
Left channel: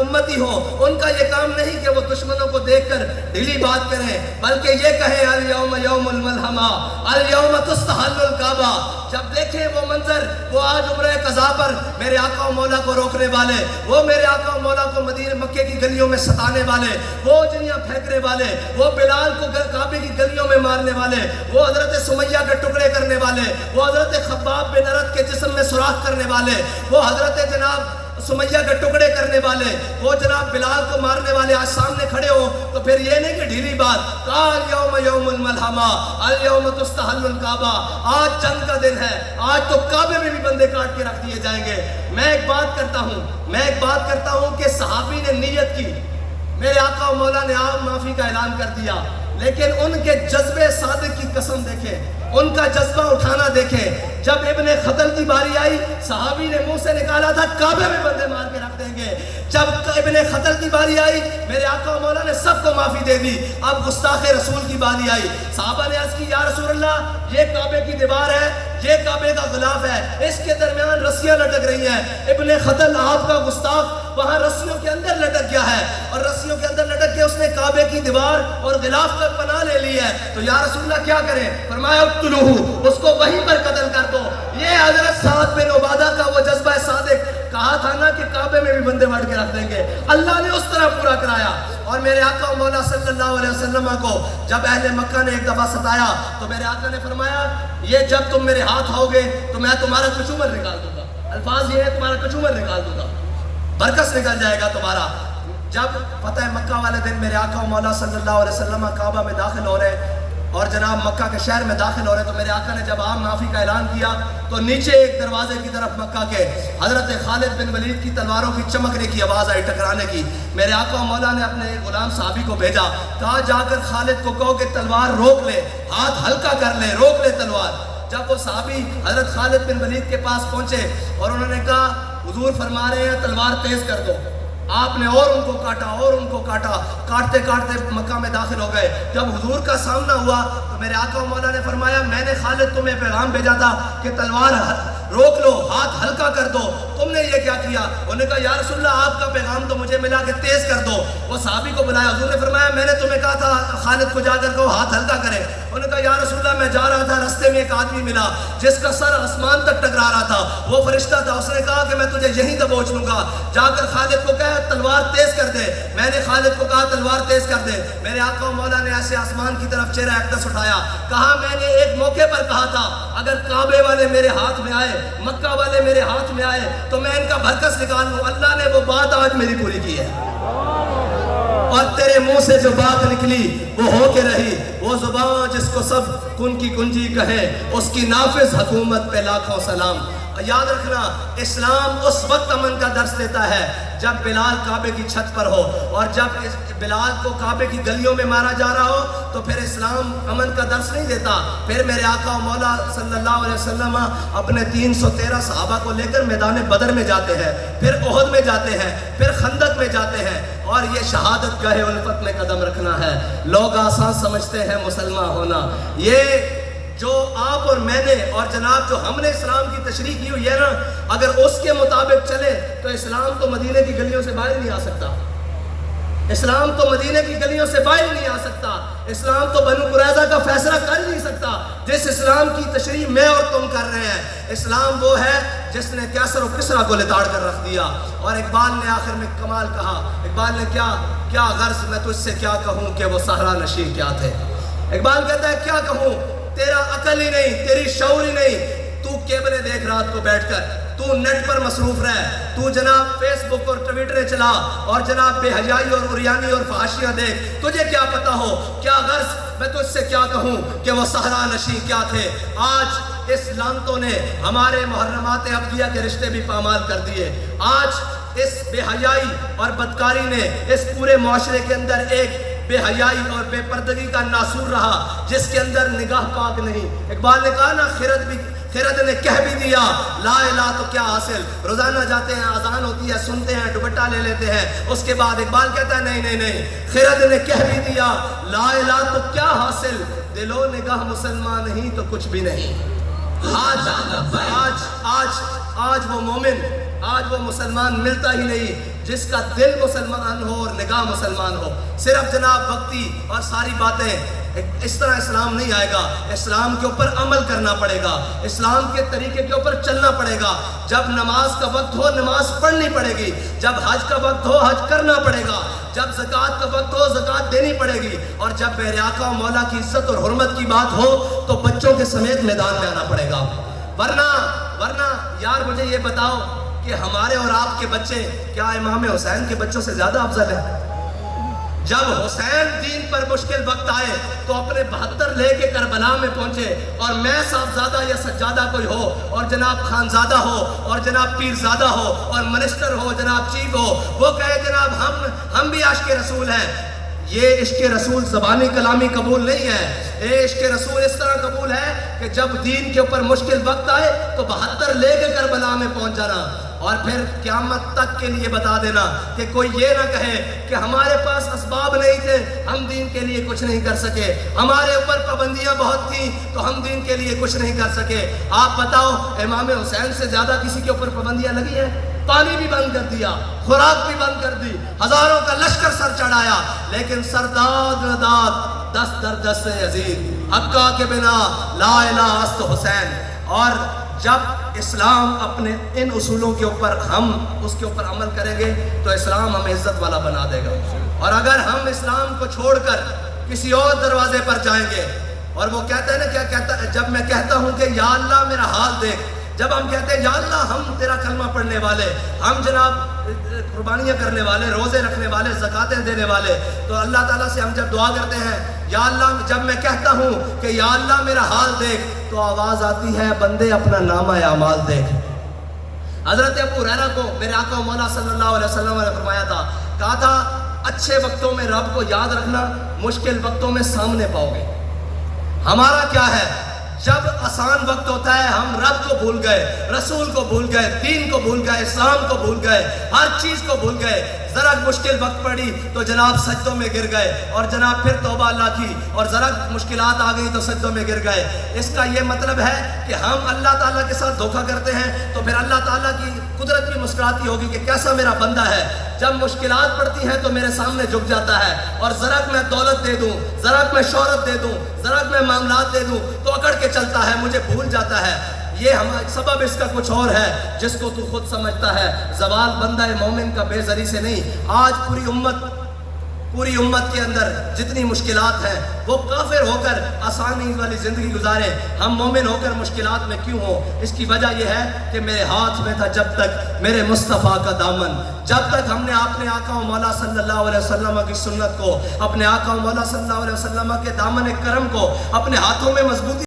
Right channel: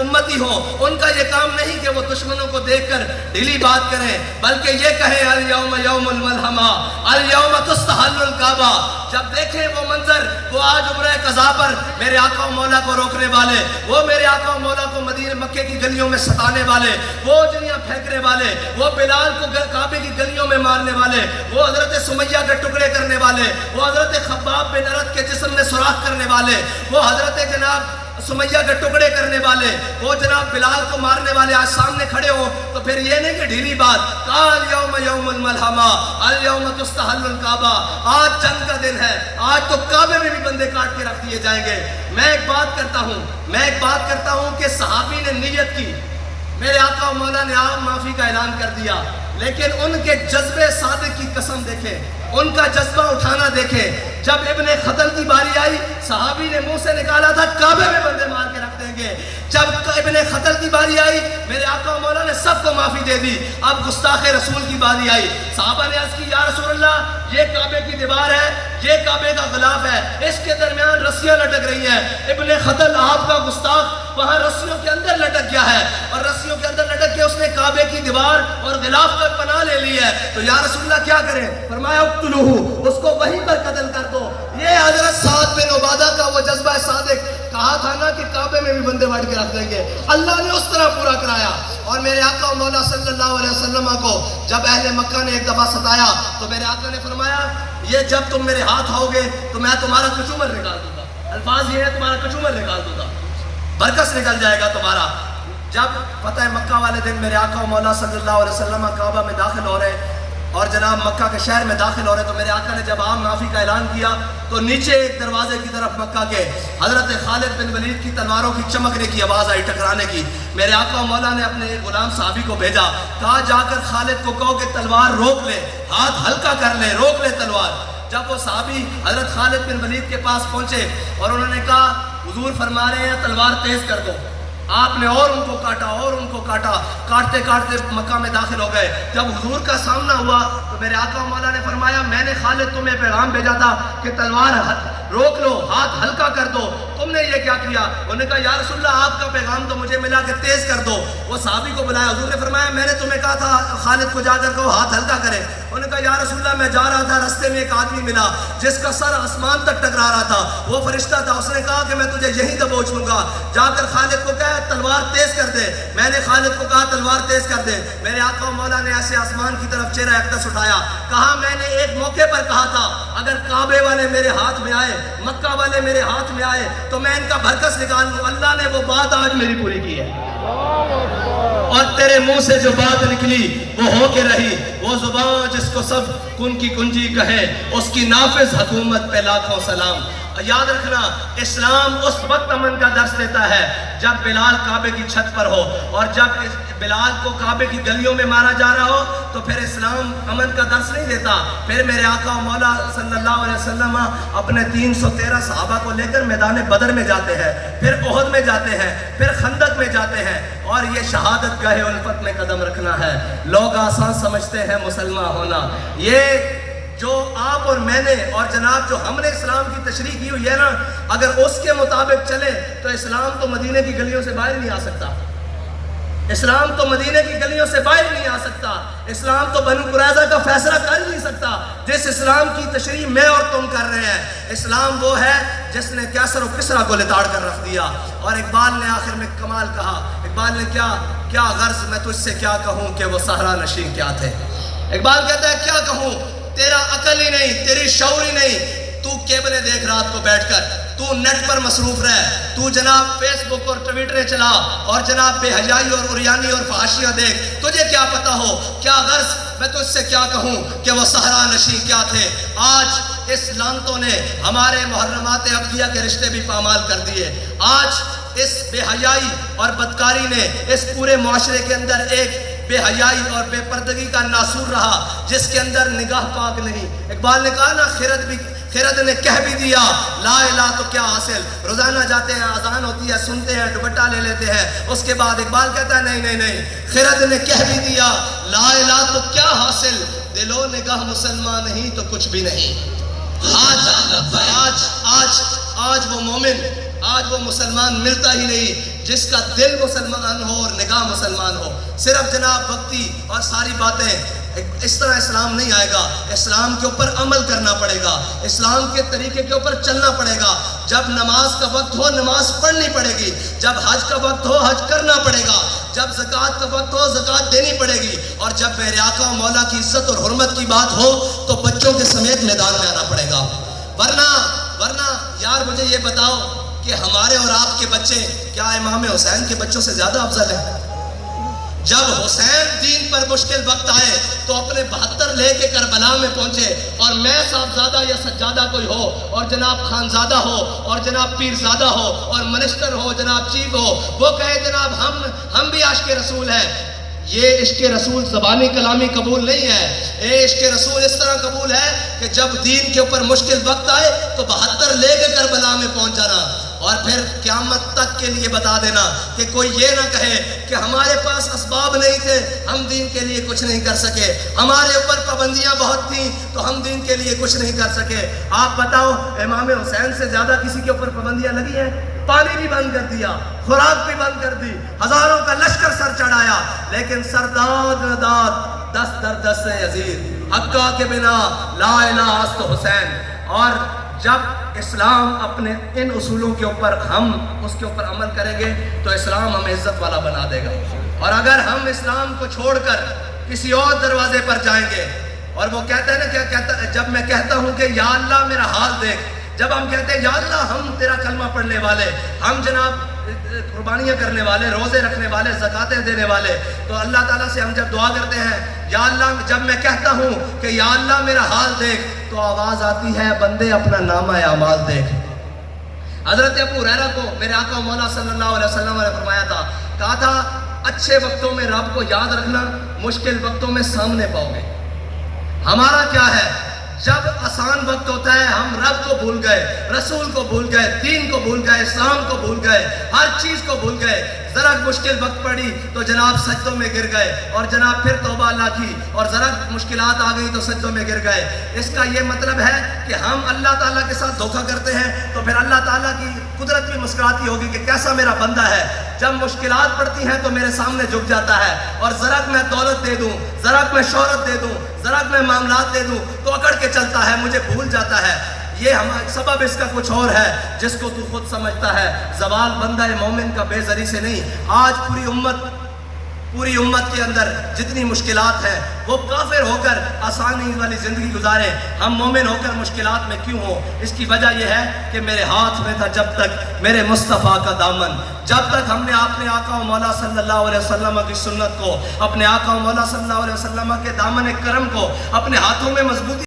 امتی ہوں ان کا یہ کام نہیں کہ وہ دشمنوں کو دیکھ کر ڈھیلی بات کریں، بلکہ یہ کہیں الیوم یوم الملحمہ الیوم تستحل الکعبہ۔ جب دیکھیں وہ منظر، وہ آج عمرہ قضا پر میرے آقا و مولا کو روکنے والے، وہ میرے آقا و مولا کو مدینہ مکے کی گلیوں میں ستانے والے، وہ جنیاں پھینکنے والے، وہ بلال کو کعبے کی گلیوں میں مارنے والے، وہ حضرت سمیہ کے ٹکڑے کرنے والے، وہ حضرت خباب بن ارد کے جسم میں سوراخ کرنے والے، وہ حضرت جناب سمیہ کے ٹکڑے کرنے والے، وہ جناب بلال کو مارنے والے آج سامنے کھڑے ہوں، تو پھر یہ نہیں کہ ڈھیلی بات کہا الیوم یوم الملحمہ الیوم تستحل الکعبہ۔ آج جنگ کا دن ہے، آج تو کعبے میں بھی بندے کاٹ کے رکھ دیے جائیں گے۔ میں ایک بات کرتا ہوں کہ صحابی نے نیت کی، میرے آقا و مولا نے آپ معافی کا اعلان کر دیا، لیکن ان کے جذبے صادق کی قسم دیکھیں، ان کا جذبہ اٹھانا دیکھیں۔ جب ابن خطل کی باری آئی، صحابی نے منہ سے نکالا تھا کعبے میں بندے مار کے رکھ دیں گے۔ جب ابن خطل کی باری آئی، میرے آقا و مولا نے سب کو معافی دے دی۔ اب گستاخ رسول کی باری آئی، صحابہ نے عرض کی یا رسول اللہ یہ کعبے کی دیوار ہے، یہ کعبے کا غلاف ہے، اس کے درمیان رسیاں لٹک رہی ہیں۔ ابن خطل آپ کا گستاخ وہاں رسیوں کے اندر لٹک گیا ہے، اور رسیوں کے اندر لٹک کے اس نے کعبے کی دیوار اور غلاف کا پناہ لے لی ہے، تو یا رسول اللہ کیا کریں؟ فرمایا اقتلوہ، اس کو وہیں پر قتل کر دو۔ یہ حضرت سعد بن عبادہ کا وہ جذبہ صادق، کہا تھا نا کہ کعبے میں بھی بندے مار کے رکھ دیں گے، اللہ نے اس طرح پورا کرایا۔ اور میرے آقا و مولا صلی اللہ علیہ وسلم کو جب اہل مکہ نے ایک دفعہ ستایا تو میرے آقا نے فرمایا یہ جب تم میرے ہاتھ آؤ گے تو میں تمہارا کچومر نکال دوں گا۔ الفاظ یہ ہے تمہارا کچومر نکال دوں گا، برکس نکل جائے گا تمہارا۔ جب فتح مکہ والے دن میرے آقا و مولا صلی اللہ علیہ وسلم کعبہ میں داخل ہو رہے اور جناب مکہ کے شہر میں داخل ہو رہے، تو میرے آقا نے جب عام معافی کا اعلان کیا تو نیچے ایک دروازے کی طرف مکہ کے حضرت خالد بن ولید کی تلواروں کی چمکنے کی آواز آئی، ٹکرانے کی۔ میرے آقا و مولا نے اپنے ایک غلام صحابی کو بھیجا، کہا جا کر خالد کو کہو کہ تلوار روک لے، ہاتھ ہلکا کر لے، روک لے تلوار۔ جب وہ صحابی حضرت خالد بن ولید کے پاس پہنچے اور انہوں نے کہا حضور فرما رہے ہیں تلوار تیز کر دو، آپ نے اور ان کو کاٹا اور ان کو کاٹا، کاٹتے کاٹتے مکہ میں داخل ہو گئے۔ جب حضور کا سامنا ہوا تو میرے آقا و مولا نے فرمایا میں نے خالد تمہیں پیغام بھیجا تھا کہ تلوار روک لو، ہاتھ ہلکا کر دو، تم نے یہ کیا کیا؟ انہوں نے کہا یا رسول اللہ آپ کا پیغام تو مجھے ملا کہ تیز کر دو۔ وہ صحابی کو بلایا، حضور نے فرمایا میں نے تمہیں کہا تھا خالد کو جا کر کہو ہاتھ ہلکا کرے۔ انہوں نے کہا یا رسول اللہ میں جا رہا تھا، رستے میں ایک آدمی ملا جس کا سر آسمان تک ٹکرا رہا تھا، وہ فرشتہ تھا، اس نے کہا کہ میں تجھے یہیں دبوچ لوں گا، جا کر خالد کو کہا تلوار تیز کر دے۔ میں نے خالد کو کہا تلوار تیز کر دے۔ میرے آقا و مولا نے ایسے آسمان کی طرف چہرہ اقدس اٹھایا، کہا میں نے ایک موقع پر کہا تھا اگر کعبے والے میرے ہاتھ میں آئے، مکہ والے میرے ہاتھ میں آئے تو میں ان کا بھرکس نکال لوں۔ اللہ نے وہ بات آج میری پوری کی ہے، اور تیرے منہ سے جو بات نکلی وہ ہو کے رہی۔ وہ زبان جس کو سب کن کی کنجی کہے، اس کی نافذ حکومت پہ لاکھوں سلام۔ یاد رکھنا اسلام اس وقت امن کا درس دیتا ہے جب بلال کعبے کی چھت پر ہو، اور جب بلال کو کعبے کی گلیوں میں مارا جا رہا ہو تو پھر اسلام امن کا درس نہیں دیتا۔ پھر میرے آقا و مولا صلی اللہ علیہ وسلم اپنے 313 صحابہ کو لے کر میدان بدر میں جاتے ہیں، پھر احد میں جاتے ہیں، پھر خندق میں جاتے ہیں، اور یہ شہادت گاہ الفت میں قدم رکھنا ہے۔ لوگ آسان سمجھتے ہیں مسلمان ہونا، یہ جو آپ اور میں نے اور جناب جو ہم نے اسلام کی تشریح کی ہوئی ہے نا، اگر اس کے مطابق چلے تو اسلام تو مدینے کی گلیوں سے باہر نہیں آ سکتا، اسلام تو مدینے کی گلیوں سے باہر نہیں آ سکتا۔ اسلام تو بنو قریظہ کا فیصلہ کر نہیں سکتا جس اسلام کی تشریح میں اور تم کر رہے ہیں۔ اسلام وہ ہے جس نے کیسر و کسرا کو لتاڑ کر رکھ دیا۔ اور اقبال نے آخر میں کمال کہا، اقبال نے کیا غرض میں تجھ سے کیا کہوں کہ وہ صحرا نشین کیا تھے۔ اقبال کہتا ہے کیا کہوں، تیرا عقل ہی نہیں، تیری شعور ہی نہیں، تو کیبلیں دیکھ رات کو بیٹھ کر، تو نیٹ پر مصروف رہ، تو جناب فیس بک اور ٹویٹریں چلا اور جناب بے حیائی اور عریانی اور فحاشیاں دیکھ، تجھے کیا پتا ہو کیا غرض میں تجھ سے کیا کہوں کہ وہ صحرا نشین کیا تھے۔ آج اس لعنتوں نے ہمارے محرمات عقدیہ کے رشتے بھی پامال کر دیے۔ آج اس بے حیائی اور بدکاری نے اس پورے معاشرے کے اندر ایک بے حیائی اور بے پردگی کا ناسور رہا جس کے اندر نگاہ پاک نہیں۔ اقبال نے کہا نا، خرد نے کہہ بھی دیا لا الہ تو کیا حاصل، روزانہ جاتے ہیں، اذان ہوتی ہے، سنتے ہیں، دوپٹہ لے لیتے ہیں، اس کے بعد اقبال کہتا ہے نہیں، خرد نے کہہ بھی دیا لا الہ تو کیا حاصل، دل و نگاہ مسلمان نہیں تو کچھ بھی نہیں۔ آج وہ مومن، آج وہ مسلمان ملتا ہی نہیں جس کا دل مسلمان ہو اور نگاہ مسلمان ہو۔ صرف جناب وقتی اور ساری باتیں، اس طرح اسلام نہیں آئے گا۔ اسلام کے اوپر عمل کرنا پڑے گا، اسلام کے طریقے کے اوپر چلنا پڑے گا۔ جب نماز کا وقت ہو نماز پڑھنی پڑے گی، جب حج کا وقت ہو حج کرنا پڑے گا، جب زکوٰۃ کا وقت ہو زکوٰۃ دینی پڑے گی، اور جب میرے آقا و مولا کی عزت اور حرمت کی بات ہو تو بچوں کے سمیت میدان میں آنا پڑے گا۔ ورنہ یار مجھے یہ بتاؤ کہ ہمارے اور آپ کے بچے کیا امام حسین کے بچوں سے زیادہ افضل ہیں؟ جب حسین دین پر مشکل وقت آئے تو اپنے 72 لے کے کربلا میں پہنچے، اور میں صاحبزادہ یا سجادہ کوئی ہو اور جناب خانزادہ ہو اور جناب پیرزادہ ہو اور منسٹر ہو، جناب چیف ہو، وہ کہے جناب ہم بھی عاشق رسول ہیں۔ یہ عشق رسول زبانی کلامی قبول نہیں ہے، یہ عشق رسول اس طرح قبول ہے کہ جب دین کے اوپر مشکل وقت آئے تو 72 لے کے کربلا میں پہنچ جانا، اور پھر قیامت تک کے لیے بتا دینا کہ کوئی یہ نہ کہے کہ ہمارے پاس اسباب نہیں تھے، ہم دین کے لیے کچھ نہیں کر سکے، ہمارے اوپر پابندیاں بہت تھیں تو ہم دین کے لیے کچھ نہیں کر سکے۔ آپ بتاؤ امام حسین سے زیادہ کسی کے اوپر پابندیاں لگی ہیں؟ پانی بھی بند کر دیا، خوراک بھی بند کر دی، ہزاروں کا لشکر سر چڑھایا، لیکن سرداد نداد دست در دست یزید، حقہ کے بنا لا الہ است حسین۔ اور جب اسلام اپنے ان اصولوں کے اوپر ہم اس کے اوپر عمل کریں گے تو اسلام ہمیں عزت والا بنا دے گا، اور اگر ہم اسلام کو چھوڑ کر کسی اور دروازے پر جائیں گے، اور وہ کہتے ہیں نا، کیا کہتا ہے، جب میں کہتا ہوں کہ یا اللہ میرا حال دیکھ، جب ہم کہتے ہیں یا اللہ ہم تیرا کلمہ پڑھنے والے، ہم جناب قربانیاں کرنے والے، روزے رکھنے والے، زکاتیں دینے والے، تو اللہ تعالیٰ سے ہم جب دعا کرتے ہیں یا اللہ، جب میں کہتا ہوں کہ یا اللہ میرا حال دیکھ، تو آواز آتی ہے بندے اپنا نامہ اعمال دیکھ۔ حضرت ابو ہریرہ کو میرے آقا و مولا صلی اللہ علیہ وسلم نے فرمایا تھا، کہا تھا اچھے وقتوں میں رب کو یاد رکھنا، مشکل وقتوں میں سامنے پاؤ گے۔ ہمارا کیا ہے، جب آسان وقت ہوتا ہے ہم رب کو بھول گئے، رسول کو بھول گئے، دین کو بھول گئے، اسلام کو بھول گئے، ہر چیز کو بھول گئے۔ ذرا مشکل وقت پڑی تو جناب سجدوں میں گر گئے، اور جناب پھر توبہ اللہ کی، اور ذرا مشکلات آ گئی تو سجدوں میں گر گئے۔ اس کا یہ مطلب ہے کہ ہم اللہ تعالیٰ کے ساتھ دھوکہ کرتے ہیں تو پھر اللہ تعالیٰ کی قدرت بھی مسکراتی ہوگی کہ کیسا میرا بندہ ہے، جب مشکلات پڑتی ہیں تو میرے سامنے جھک جاتا ہے، اور ذرا میں دولت دے دوں، ذرا میں شہرت دے دوں، ذرا میں معاملات دے دوں تو اکڑ کے چلتا ہے، مجھے بھول جاتا ہے۔ یہ سبب اس کا کچھ اور ہے جس کو تو خود سمجھتا ہے۔ زوال بندہ مومن کا بے زری سے نہیں۔ آج پوری امت کے اندر جتنی مشکلات ہیں وہ کافر ہو کر آسانی والی زندگی گزارے، ہم مومن ہو کر مشکلات میں کیوں ہو؟ اس کی وجہ یہ ہے کہ میرے ہاتھ میں تھا جب تک میرے مصطفیٰ کا دامن، جب تک ہم نے اپنے آقا و مولا صلی اللہ علیہ وسلم کی سنت کو، اپنے آقا و مولا صلی اللہ علیہ وسلم کے دامن کرم کو اپنے ہاتھوں میں مضبوطی